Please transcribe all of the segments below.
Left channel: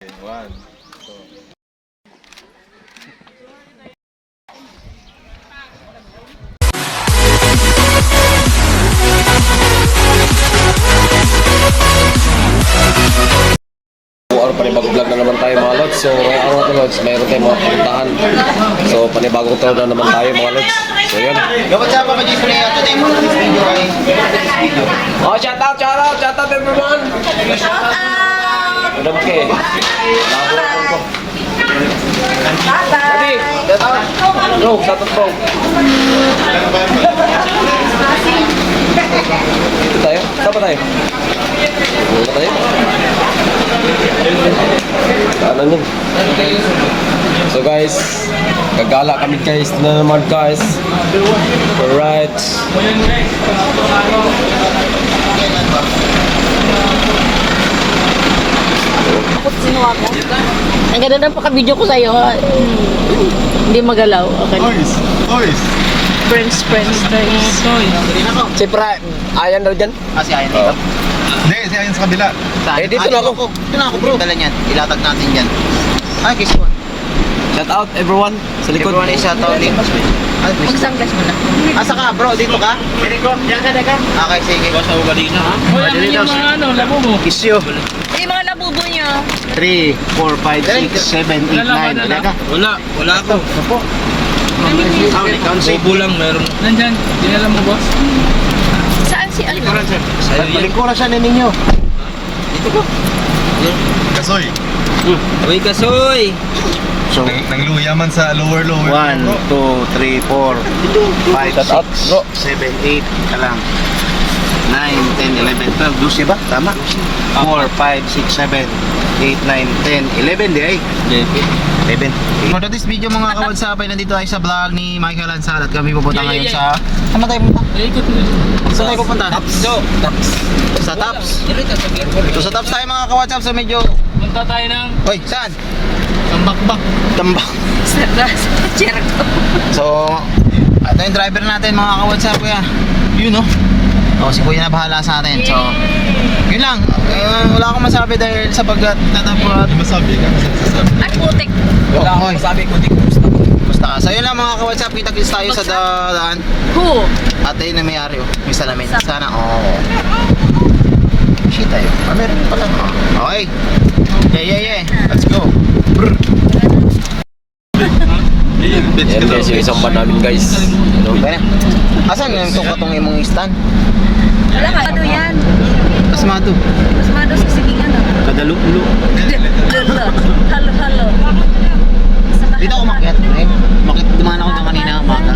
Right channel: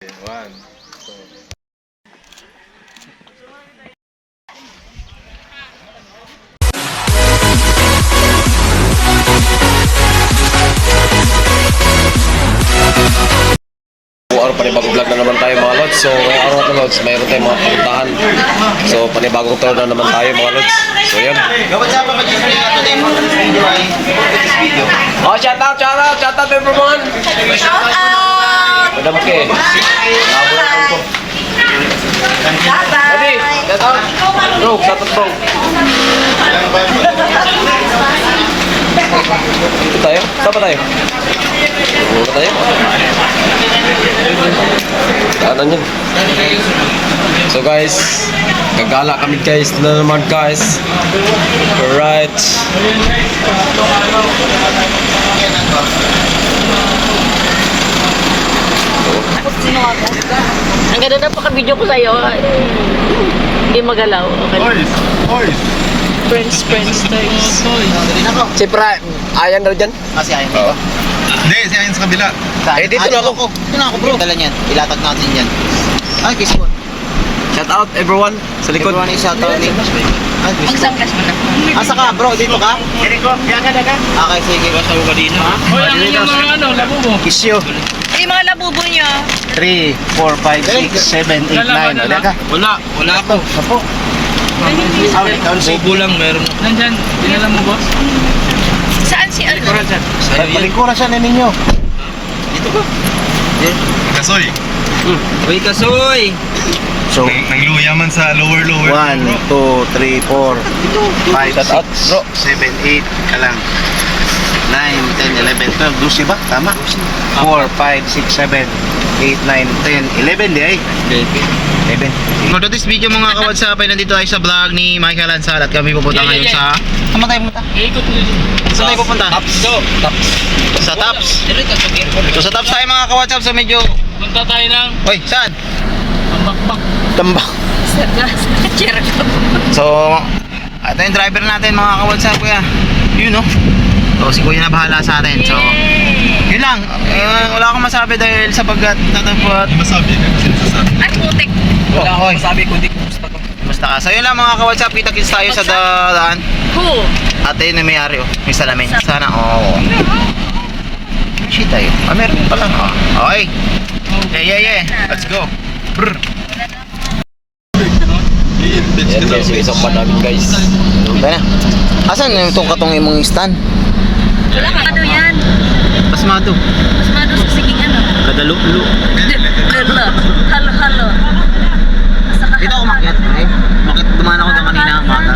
One, two. Araw panibagong vlog na naman tayo mga lods. So ngayong araw na lods, mayroon tayong mga puntahan. So panibagong tour na naman tayo mga lods. So yun. Gawat sa mga dito na ito yung mga video ay video. Oh, shout out everyone. Shout out! Madam Ke. Ready? Shout out. Bro, shout out bro. Ito tayo? Saan ba tayo? Saan ba tayo? Daanan yun. So guys, gagala kami guys na naman guys. Alright. Sino ako? Ang ganda ng paka-video ko sa'yo. Hindi magalaw. Okay. Boys! Friends. Dali na po. Si Pra, ayan daw dyan? Kasi ayan Oo. dito. Hindi, siya yun sa kabila. Eh, dito na ako. Dito na ako bro. Dala niyan. Ilatag natin yan. Ay, kiss ko. Shout out everyone sa likod. Everyone is out only. Magsanggas mo na. Asa ka bro? Dito ka? Dito. Yan ka daga. Okay, sige. Basta ko dito ha. Hoy, ang inyong mga ano, labo mo. Kiss you. Ay, mga labubo nyo. 3, 4, 5, 6, 7, 8, 9. Lalaban na lang. Wala ako. Opo. Bobo lang meron. Nandyan, dinala mo boss? Saan si ano? Sa'yo yan. Palingkura siya na ninyo. Dito ko. Kasoy! Uy, kasoy. So, Nangluya man sa lower. 1, 2, 3, 4, 5, Shout out, 6, bro. 7, 8 ka lang. 9, 10, 11, 12, 12 ba? Tama. 4, 5, 6, 7, 8, 9, 10, 11 di ay. 11. For today's video mga kawadsap ay nandito tayo sa vlog ni Michael Ansal at kami pupunta ngayon sa... Saan tayo pupunta? Ikot mo dito. Saan tayo pupunta? Taps. Sa Taps. So sa Taps tayo mga kawadsap, so medyo... Punta tayo ng Hoy, saan? Tambakbak. Tambak. Sa chair ka. So, ito yung driver natin mga kawadsap kuya. Yun no? So si kuya na bahala sa atin. So, yun lang. Wala akong masabi dahil sapagkat natapot. Masabi na kasi nasasabi. Ay, putik. Wala akong Hoy. masabi kundi kumusta. Basta ka. So yun lang mga kawadsap, kita-kits tayo sa daan. Who? Ate na may-ari oh. May salamin. Sana oo. Shit tayo. Meron pa lang. Okay. Yeah. Let's go. Brr. Yan guys, yung isang bar namin guys. Ano ba na? Asan yung tungkatong imong stand? Wala ka. Ano yan? Pasmado. Mas mado sa siging ano? Kadalulo. Halo. Dito ako makiat. Eh. Makit dumaan ako doon kanina umaga.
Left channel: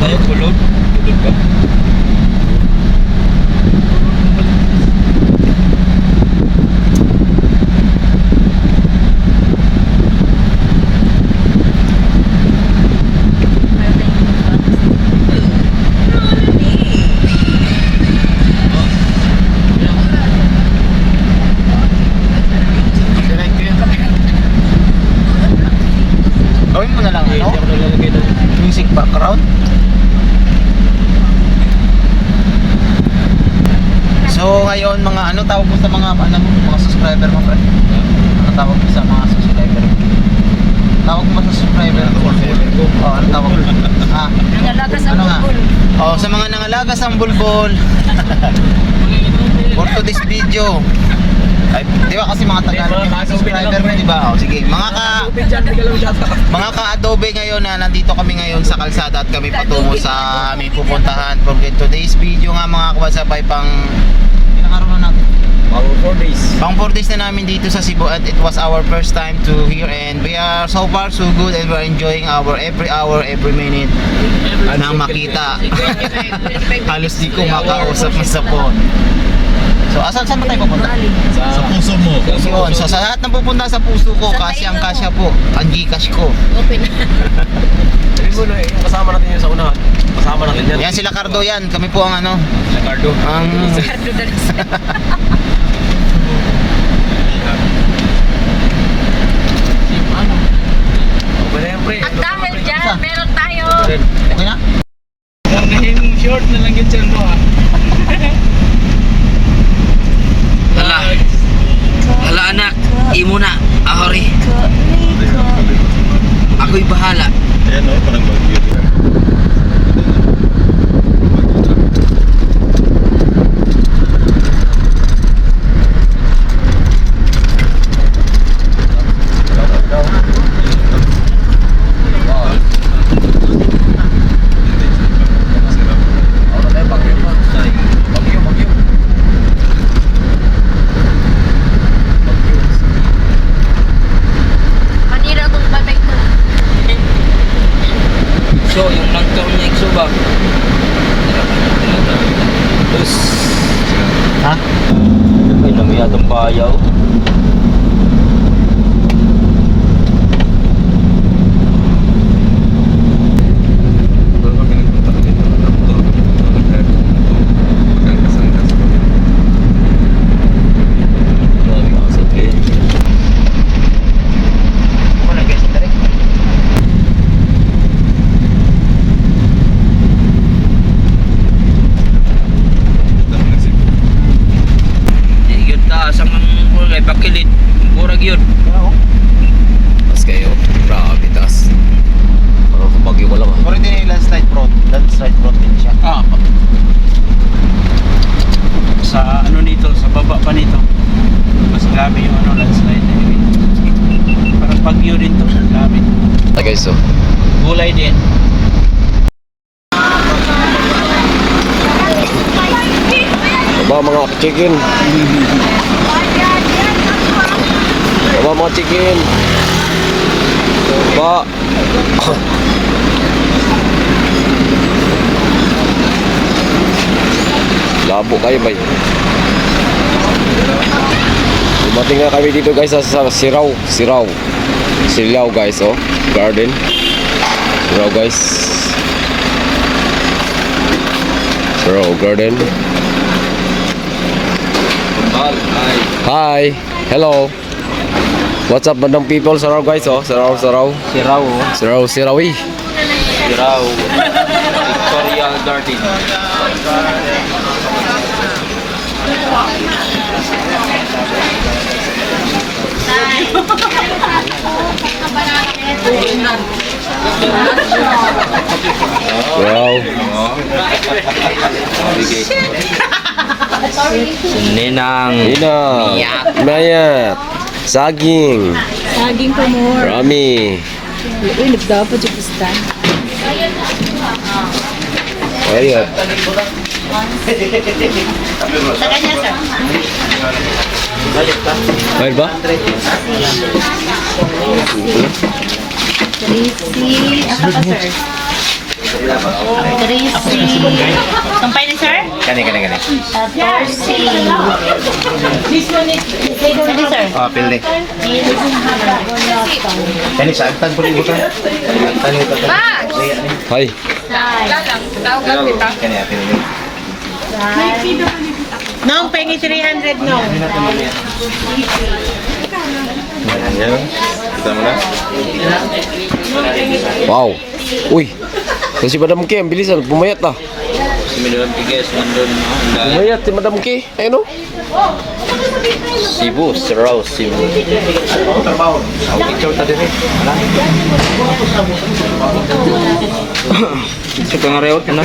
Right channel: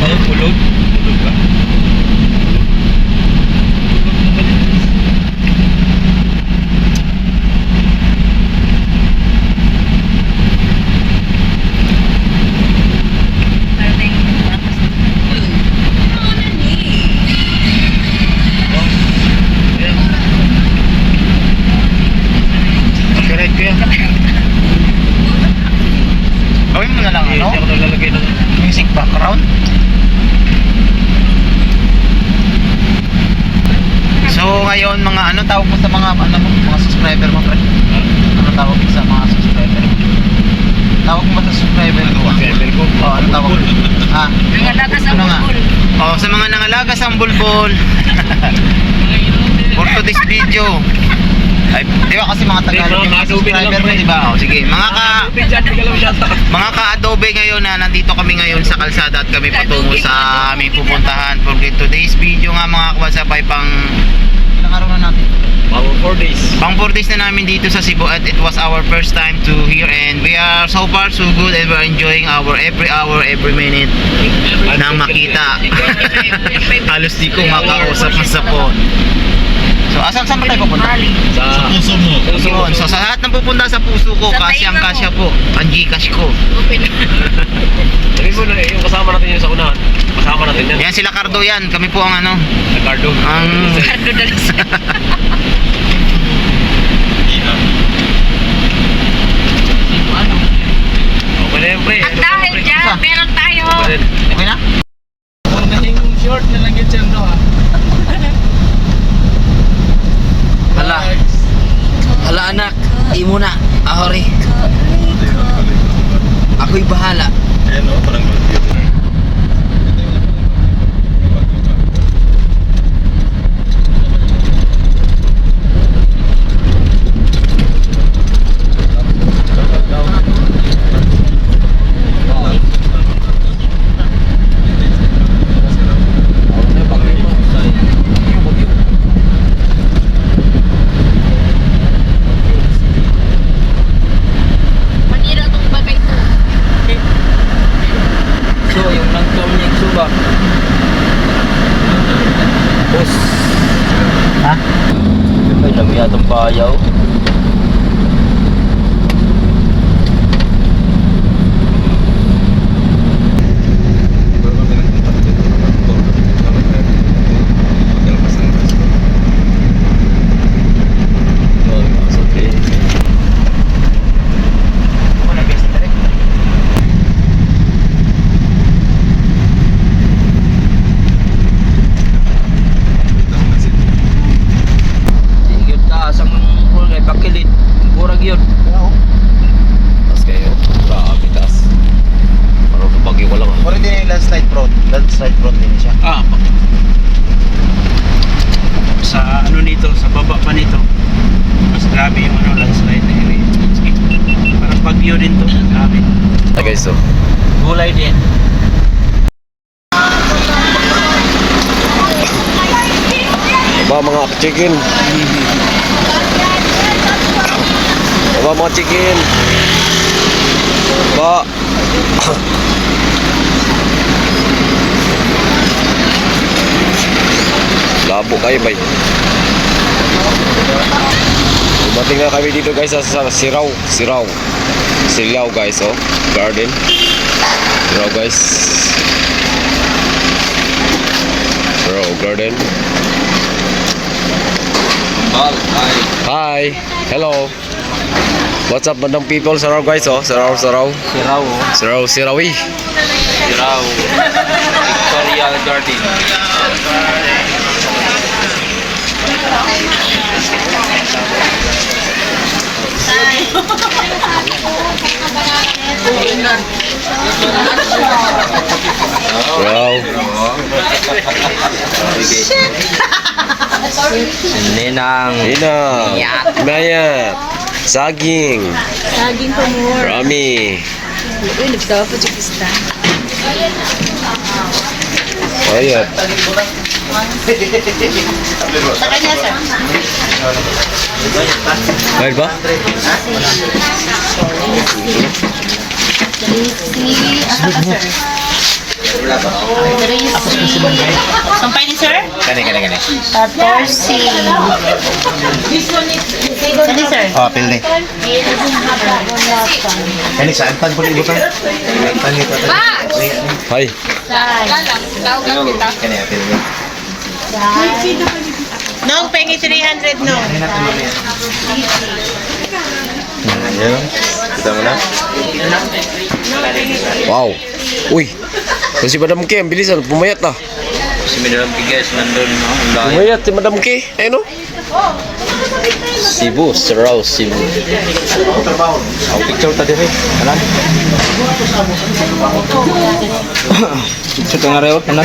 Tayo pulog. Pulog ka. Correct ko yan. Gawin mo na lang ano? Hindi ako naglalagay ng... Music background. So ngayon mga ano tawag mo sa mga ano mo, mga subscriber mo pre? Ano tawag mo sa mga subscriber mo? Tawag mo ba sa subscriber ko? Subscriber ko? Oh, ano tawag mo? Ah, Mga lagas ang ano nga? bubol. Oh, sa mga nangalagas ang bulbul. For today's video. Ay, di ba kasi mga Tagalog yung mga subscriber mo, di ba? Oh, sige, mga ka-Adobe ngayon na nandito kami ngayon sa kalsada at kami patungo sa aming pupuntahan. For today's video nga mga kawadsap ay pang ilang araw na natin? Bago 4 days. Pang 4 days na namin dito sa Cebu at it was our first time to here and we are so far so good and we're enjoying our every hour, every minute na makita. Halos di ko makausap sa phone. So, saan ba tayo pupunta? Sa puso mo. Yun. So, sa lahat ng pupunta sa puso ko, Sa kasyang-kasya po. Ang Gcash ko. Open. Sabi mo na yung kasama natin yung sa unahan. Kasama natin yan. Yan sila Cardo yan. Kami po ang ano. Sa Cardo. Ang... Okay na yan, pre. At dahil dyan, meron tayo. Okay na? Yung short na lang yun siya Hala. Hala anak, imo na. Ahori. Ako'y bahala. Ayan o, parang bagyo. Manira itong bagay ko. So, yung nagtaon niya iksubak. Bus. Ha? May dami atong bayaw. Wala, best na rin. Yun ta, sa mga kulay, bakilid. Burag yun. Tas kayo. Grabe, tas. Parang sa bagyo ko lang ah. Mura din yung landslide prone din siya. Ah. Sa ano nito, sa baba pa nito. Mas grabe yung ano, landslide na area. Parang bagyo din to. Grabe. Hi guys, so. Gulay din. Aba mga chicken. Aba mga chicken. Ba. Labo kayo bay. Dumating na kami dito guys sa Silaw guys, oh. Garden. Silaw guys. Silaw garden. Hi. Hello. What's up, bandang people? Saraw guys, oh. Saraw. Siraw, oh. Sirawi. Siraw. Victoria Garden. Wow. Ninang. Ina. Mayat. Saging. Saging ko more. Rami. Uy, nagdapo sa pista. Mayat. Sa kanya, sir. Bayad ba? Tracy. Asa ka, sir? Tracy. Sampay ni, sir? Kani. 14. Sige, sir. Oh, pilde. Kani, saan tan po dito? Hi. Kani, pilde. Nong, pengi 300, nong. Kita mo na? Wow. Uy. Si Madam K, ang bilisan. Pumayat na. Sumidang bigas nandun, no? Pumayat si Madam K. Ayun, no? Cebu. Siraw, Cebu. Ang picture tadi, hey. Wala. Picture ka nga rewot ka na.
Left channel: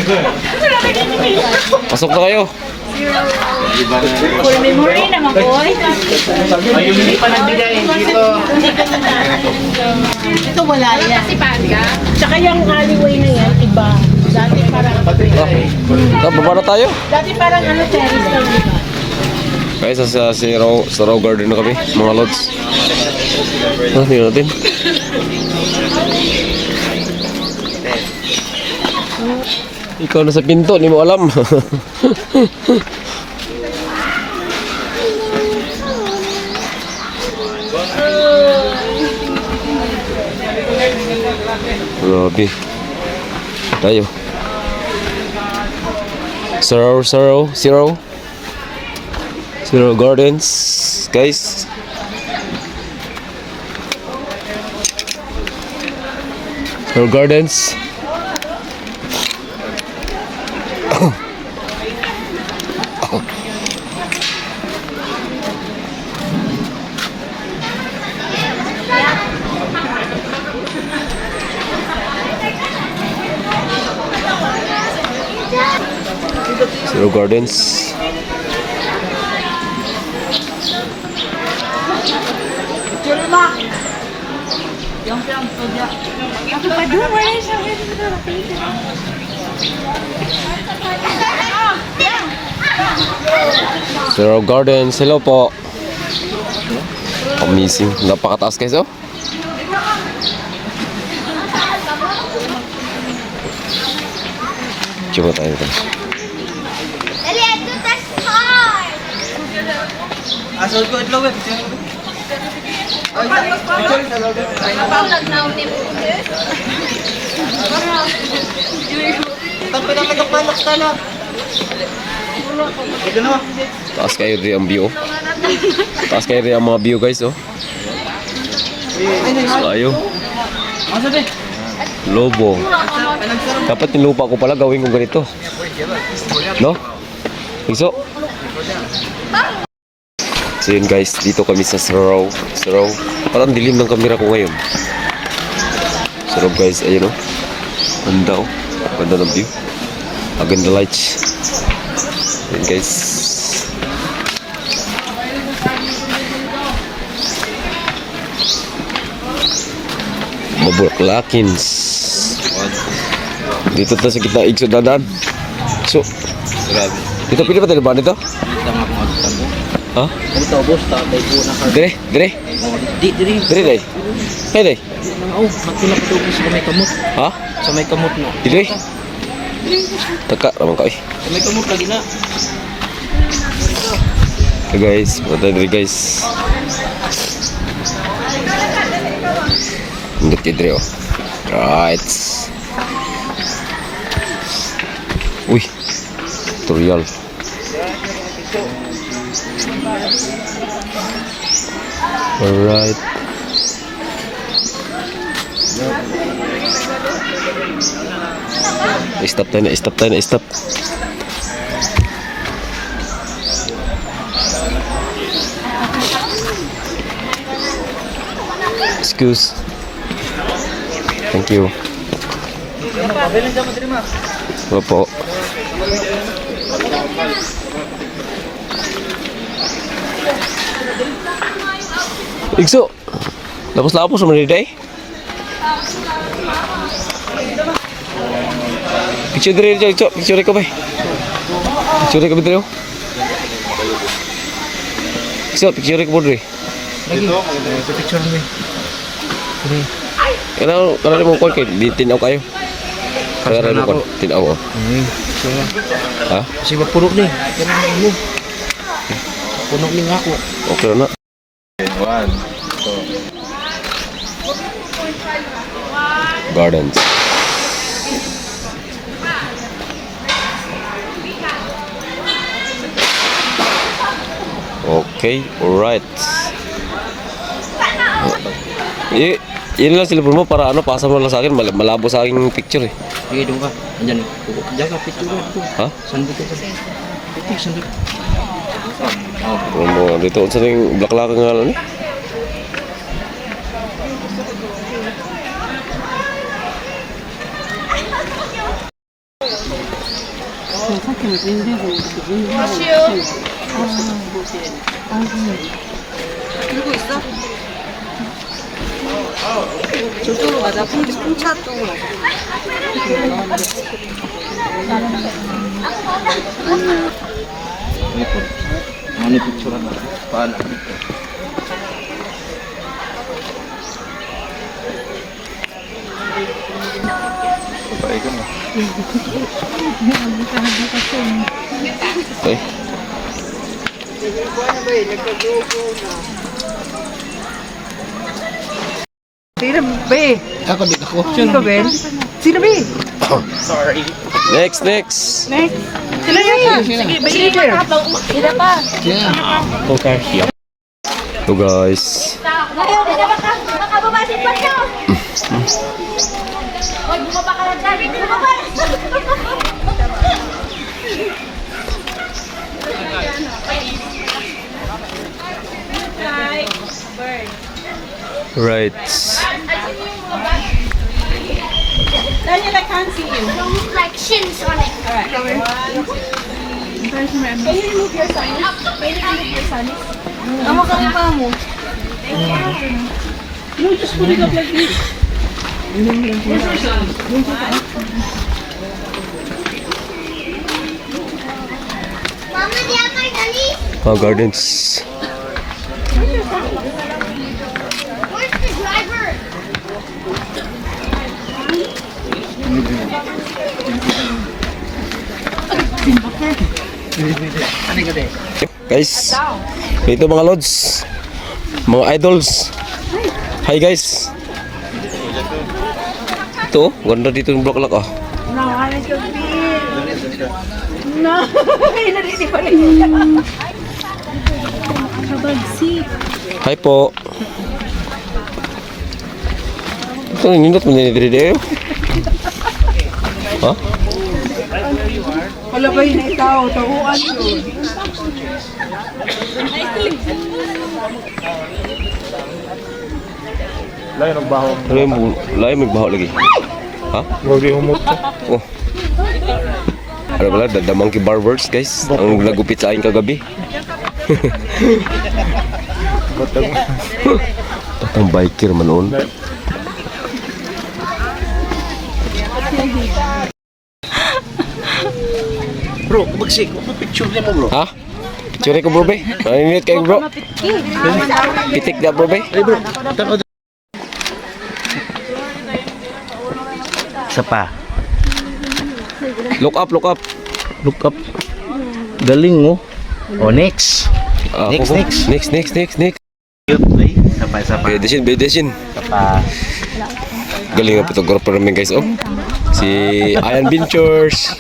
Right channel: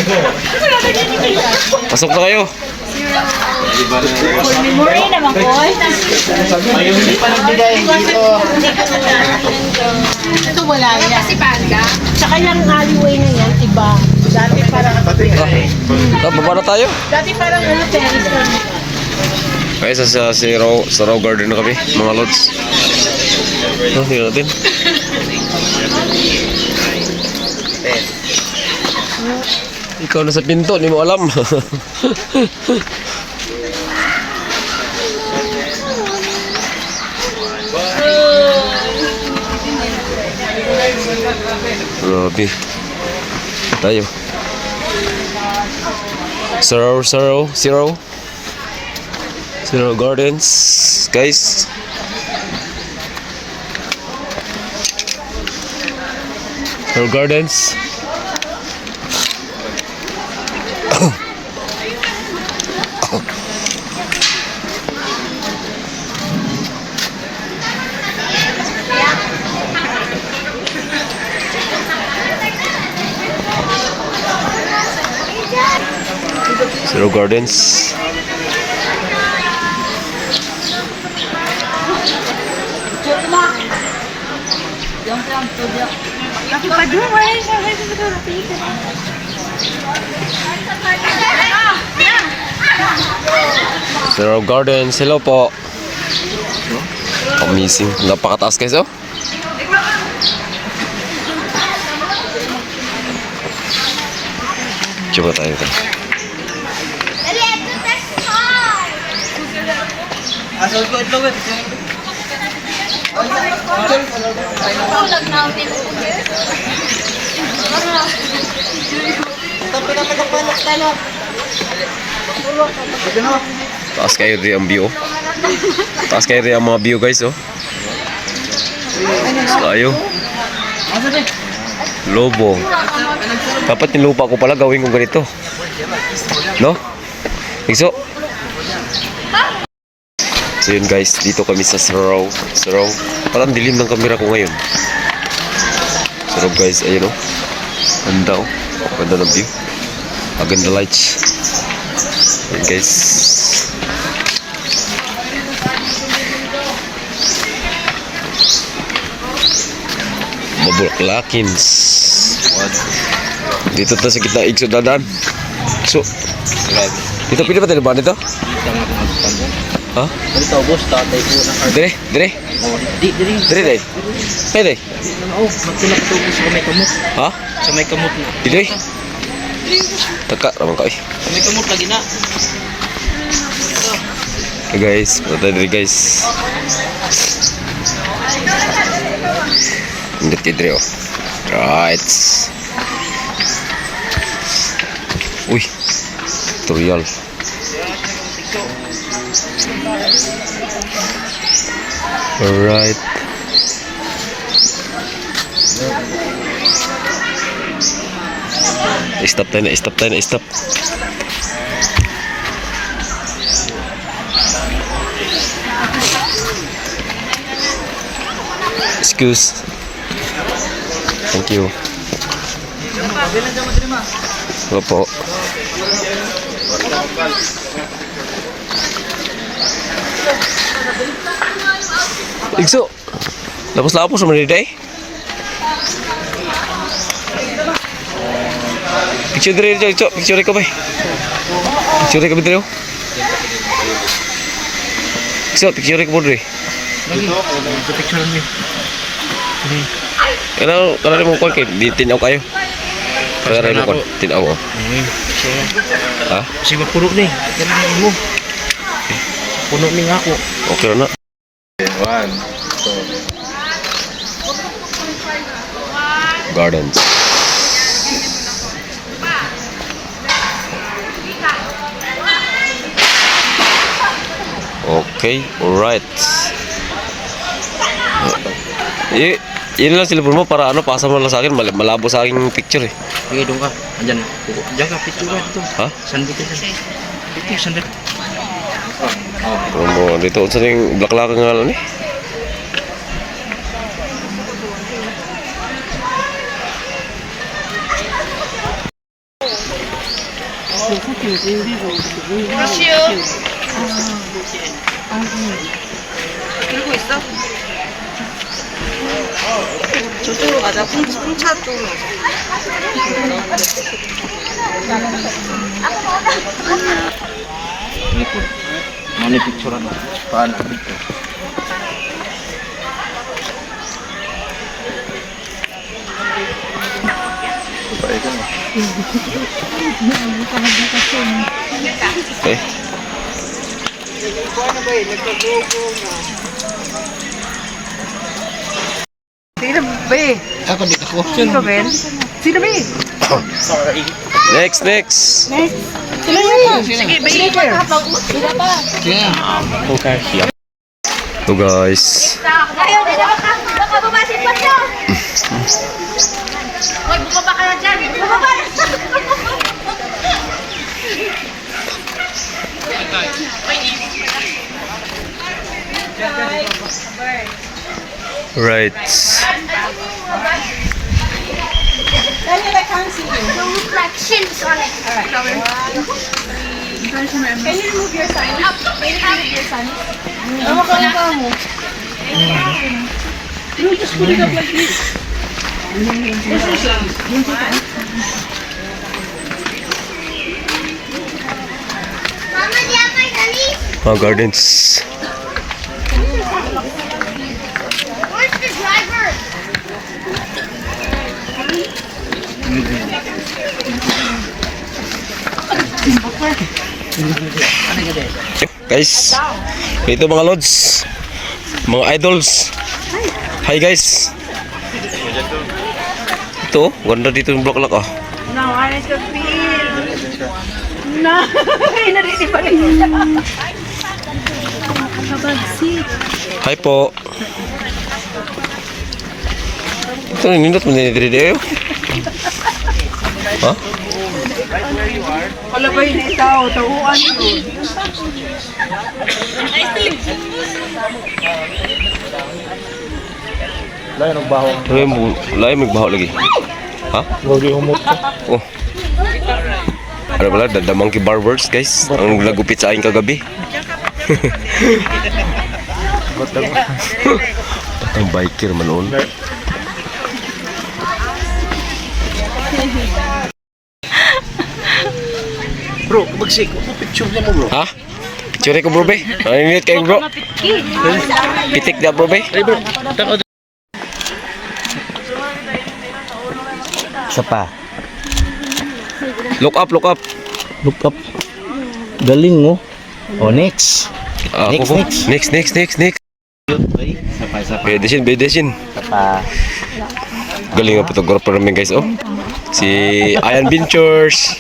Pasok na kayo. Full memory naman ko, ay. Hindi pa nagbigay dito. Ito wala yan. Kasi banda. Tsaka yung alleyway na yan, iba. Dati parang, Baba na tayo. dati parang ano, terrace lang. Guys, sa Siraw Garden na kami, mga lods. Tingnan natin. Ikaw na sa pinto, hindi mo alam. Grabe. Tayo. Zero Gardens, guys. Zero Gardens. Zero Gardens. Zero Gardens, hello po. Amazing, napakataas guys oh. Coba tayo tayo. Asal ko itlog eh. Taas kayo rin ang view. Taas kayo rin ang mga view guys oh. Tayo. Lobo. Dapat nilupa ko pala gawin ko ganito. No? Igso. So yun guys, dito kami sa Saraw. Parang dilim ng camera ko ngayon. Saraw guys, ayun oh. Ganda oh. Ganda ng view. Maganda lights. Ayun guys. Mabulaklakins. Dito tayo sa gitna Igso dadaan. So, dito pili pa tayo ba dito? Ha? Dito boss, tatay po ng hard. Dire. Dire. Pwede. Oh, magtulak ito po sa may kamot. Ha? Sa may kamot na. Dire. Taka naman ka eh. Sa may kamot lagi na. Hey guys, punta tayo dire guys. Hindi kayo dire oh. Right. Uy. Tutorial. Alright. Stop tayo na. Excuse. Thank you. Opo. Igso. Lapos-lapos naman dito eh. Picture dito, Igso. Picture ko ba? Picture ko ba dito? Igso, picture ko ba dito? Picture mo. Kailangan mo kung tinaw kayo. Kailangan mo kung tinaw mo. Ha? Kasi mapurok ni. Kailangan mo. Puno ni nga ako. Okay na. 1, 2. Gardens. Okay, alright. Yun lang silipon mo para ano, pasa mo lang sa akin, malabo sa aking picture eh. Sige, doon ka. Andyan. Diyan ka, picture ka dito. Ha? Sandok ka dyan. Dito, sandok. Ano mo, dito sa yung blaklaka nga lang eh. 저쪽으로 가자. 풍차 쪽으로 가자. Ikot. Ano picture na? Paano dito? Okay. Sino ba? Ako di ako. Sino ba, Ben? Sino ba? Next. Next. Sino yan? Sige, ba leader? Sila pa. So guys, Ayaw, di na makababasin pa siya. Hoy, bumaba ka na dyan. Bumaba na. right. Daniel, I can't see you. Reflections on it. Can you remove your sign? Can you remove your sign? Namakaya mo. You just put it up like this. Mama, di ako dali. Mga gardens. Where's the driver? Guys, ito mga lods, mga idols. Hi guys. Ito, ganda dito yung block ah. No, I need to feel. No, hindi pa rin. Hi po. Ito, nindot mo nilidiri ha? Palabay na itaw, tauan yun. Lain magbaho lagi. Ha? Lagi humot ka. Oh. Ano pala, the Monkey Barbers guys. Ang nagupit sa aking kagabi. Batang biker man on. Bro, kumagsik. Picture niya mo, bro. Ha? Picture ko bro be. Naninit kayo bro. Pitik na bro be. Isa pa. Look up. Look up. Galing, oh. Oh, next. Next. Isa pa. Bedesin. Isa pa. Galing ang photographer namin guys oh. Si Ian Ventures.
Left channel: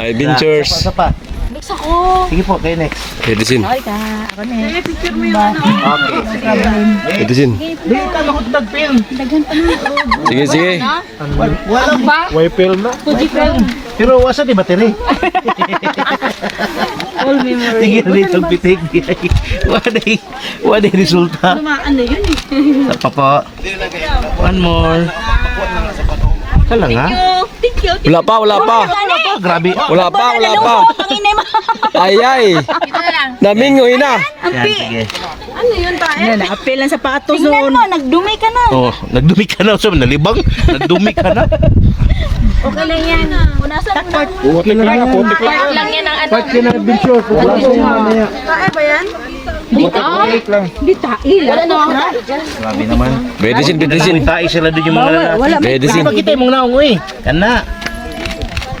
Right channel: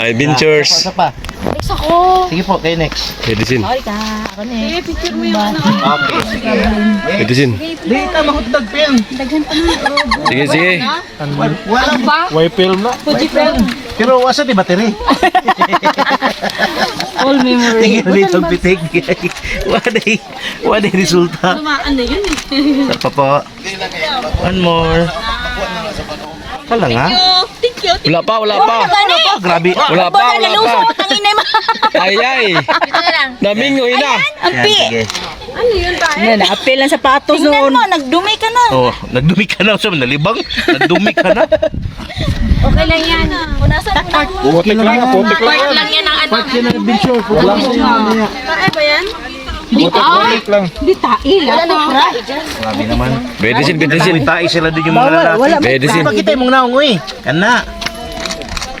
Isa pa. Next ako. Sige po, kayo next. Bedesin. Ako na. Okay, sige. Bedesin. Di, tama ko tagpil. Sige. Walang ba? Fuji film. Pero wasa di battery. All memory. Tingin ulit ang pitik. Wala resulta. Ano yun eh? Isa pa po. One more. Wala nga. Thank you. Wala pa. Grabe. Wala pa. Ay. Ito na lang. Namingoy na. Yan, sige. Ano, apel ang sapatos doon. Nagdumi ka na. Oh, nagdumi ka na. So, nalibang. Nagdumi ka na. Okay lang yan. Punasan mo na. Okay na lang. Part lang yan ang ano. Wala sa inyo mamaya. Kaya ba yan? Wala Grabe naman. Bedesin. Tayo sila doon yung mga lalaki. Bedesin. Bakit tayo mong naong, uy?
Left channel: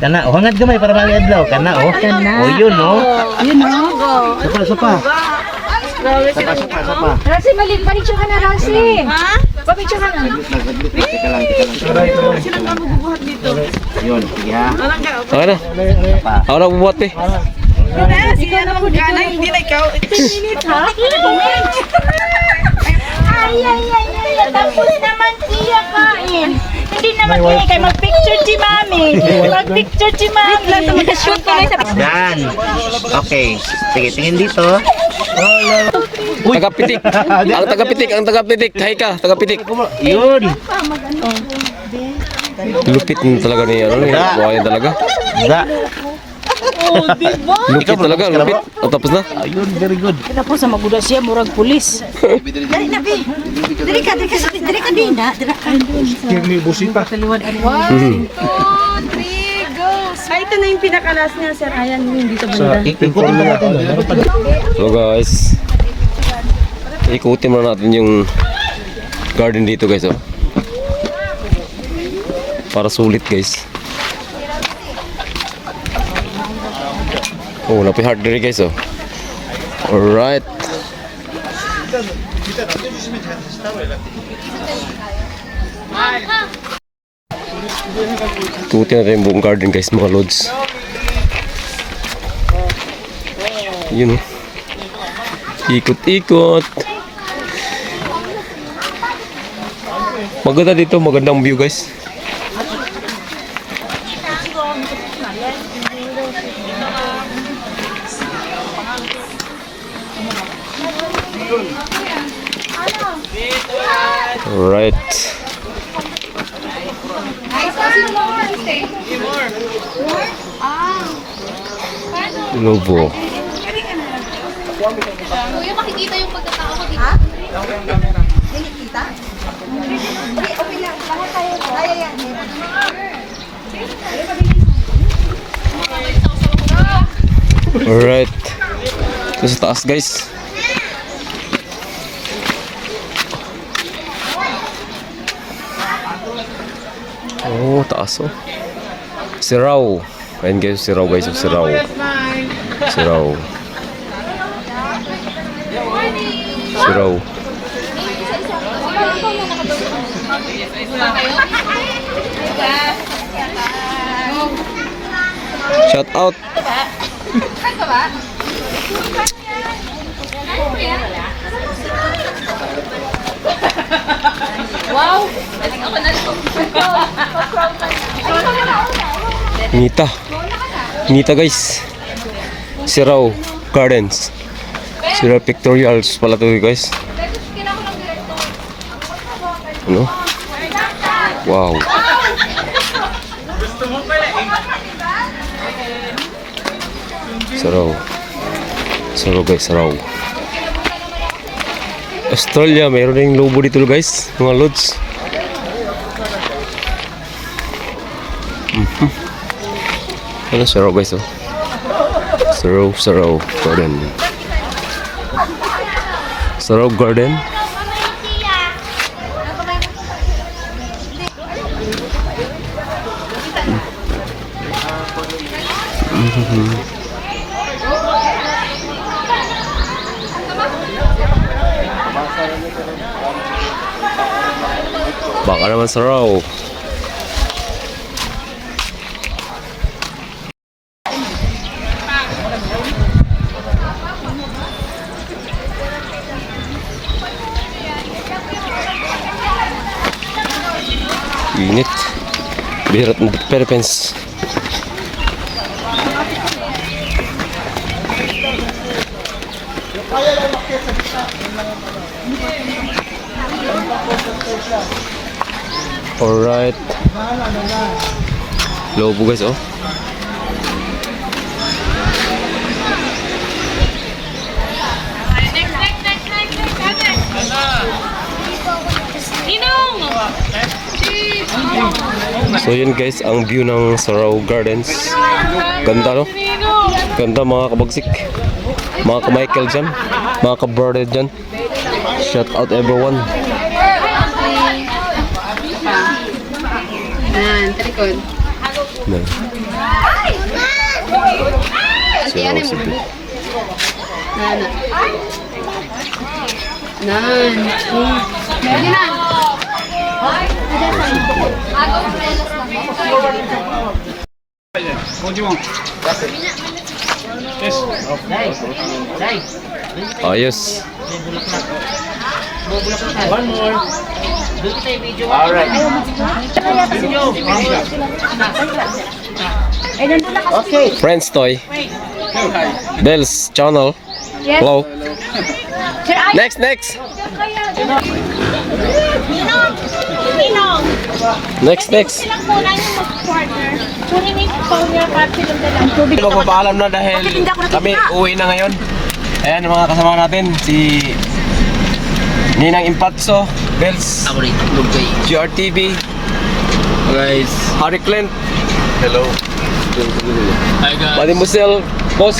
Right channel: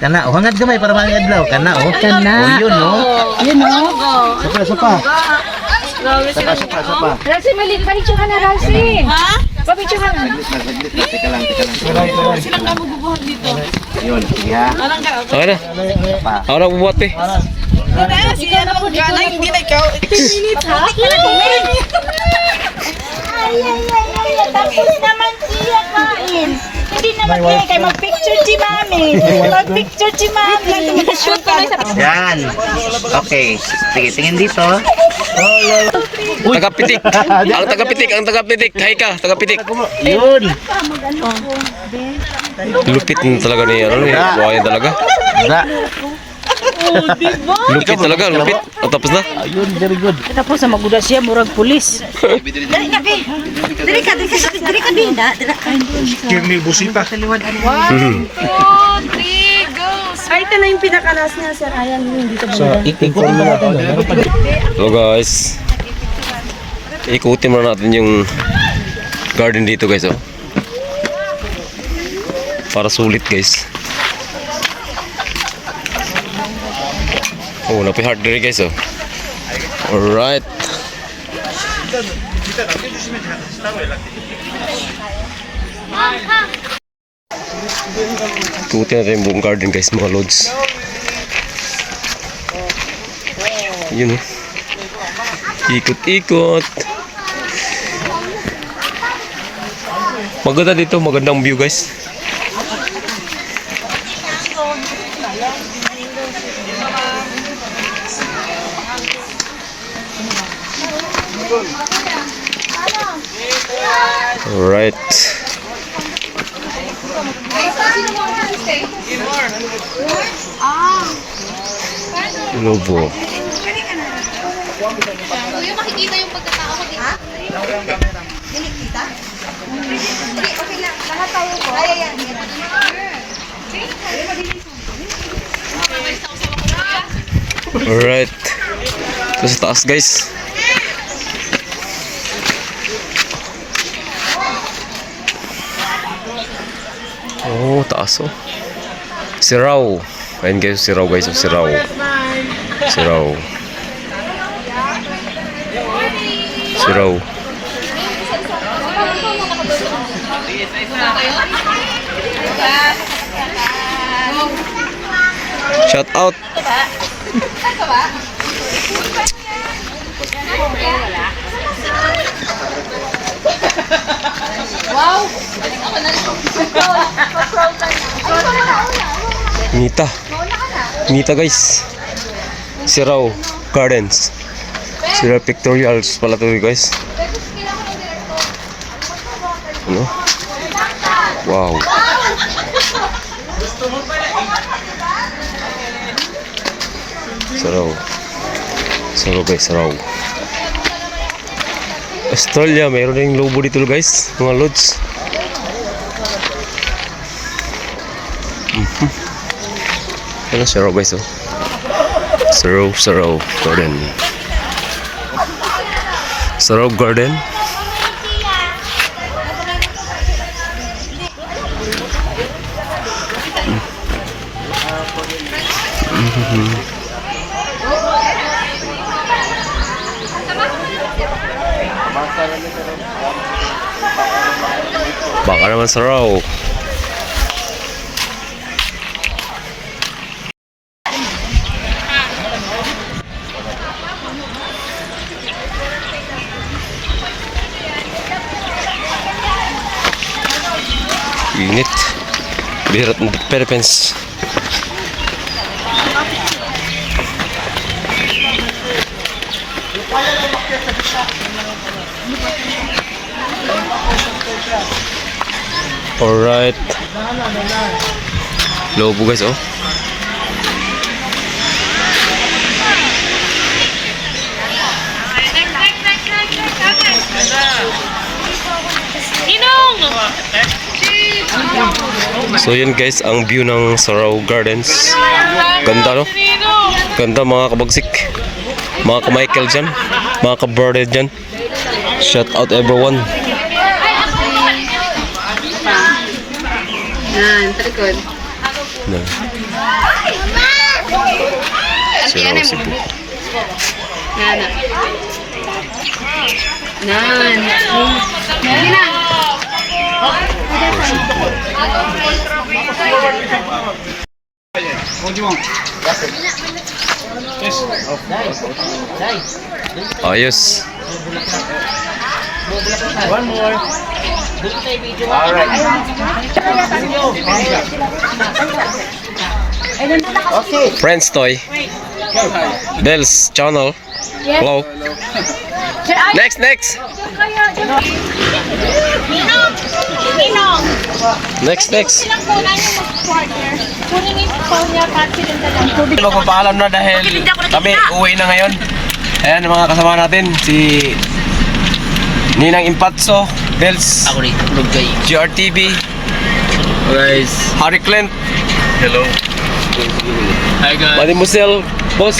Kana. O hangad gamay para mga adlaw. Kana, oh. O, yun, oh. Sapa. Sapa. Ramsey, panicture ka na, Ramsey. Papicture ka na. Teka lang. Yun, sige ha. Okay na. Sapa. Ako na bubuhat pe. Sige na po dito. Hindi na ikaw. Ay, tapos naman iya kain. Hindi naman iya kayo mag-picture si mami. Mag-picture si mami. Shoot ka na sa... Yan. Okay. Sige, tingin dito. Tagapitik. Ang tagapitik. Hay ka, tagapitik. Yun. Lupit na talaga ni ano ni. Buhayan talaga. Ga. Lupit. O, tapos na. Ayun, very good. Tapos sa maguda siya, murag pulis. Dali ka, din na. Ay, ito na yung pinakalas niya, sir. Ayan, hindi ka ba? Ikutin pa natin doon. Meron pa din. So guys, ikutin muna natin yung garden dito guys oh. Para sulit guys. Oh, napoy hard diri guys oh. Alright. Ikutin natin yung buong garden guys, mga lods. Yun oh. Ikot-ikot. Maganda dito, magandang view guys. Alright. Lobo. Kuya, makikita yung pagkatao ko dito. Okay lang. Lahat tayo ko. Kaya yan. Alright. Ito sa taas guys. Oh, taas oh. Siraw. Ayan guys, siraw guys, oh, siraw. Siraw. Siraw. Shout out. Ngita. Ngita guys. Siraw Gardens. Siraw Pictorials pala to guys. Ano? Wow. Saraw. Saraw guys, saraw. Australia, mayroon ring lobo dito guys, mga lods. Ano saraw guys oh. Saraw, saraw garden. Saraw garden. Baka naman saraw. Init. Birat ng Philippines. Alright. Lobo guys oh. So yun guys, ang view ng Saraw Gardens. Ganda no? Ganda mga kabagsik. Mga ka-Michael dyan. Mga ka-Bird dyan. Shout out everyone. Talikod. Nan. Siraw Cebu. Lagi na. Ayos. One more. Alright. Okay. Friends Toy. Bells channel. Hello. Next. Next. Silang kunan yung mag-quarter. Kunin yung phone niya, pat silang dalang tubig. Magpapaalam na dahil kami uwi na ngayon. Ayan mga kasama natin, si Ninang Impatso, Bells, GRTV, guys, Harry Clint, hello, Hi guys. Mani Musel, boss,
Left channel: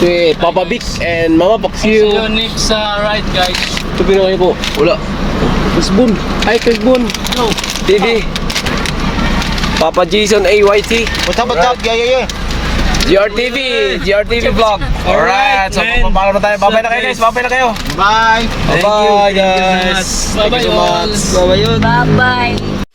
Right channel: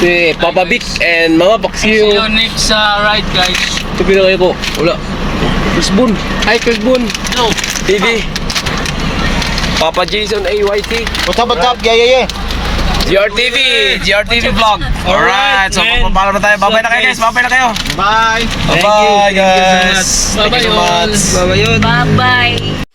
si Papa Vic, and mga See you Baksyo. next ride guys. Ito pinakaya ko, wala. Chris Boon, hi Chris Boon, Hello. TV, Papa Jason AYT, What's up? Yeah. GRTV vlog. Alright, so man. papalo na tayo. Babay na kayo guys, babay na kayo. Bye! Bye guys. Thank you so much. Bye-bye yun. Bye-bye.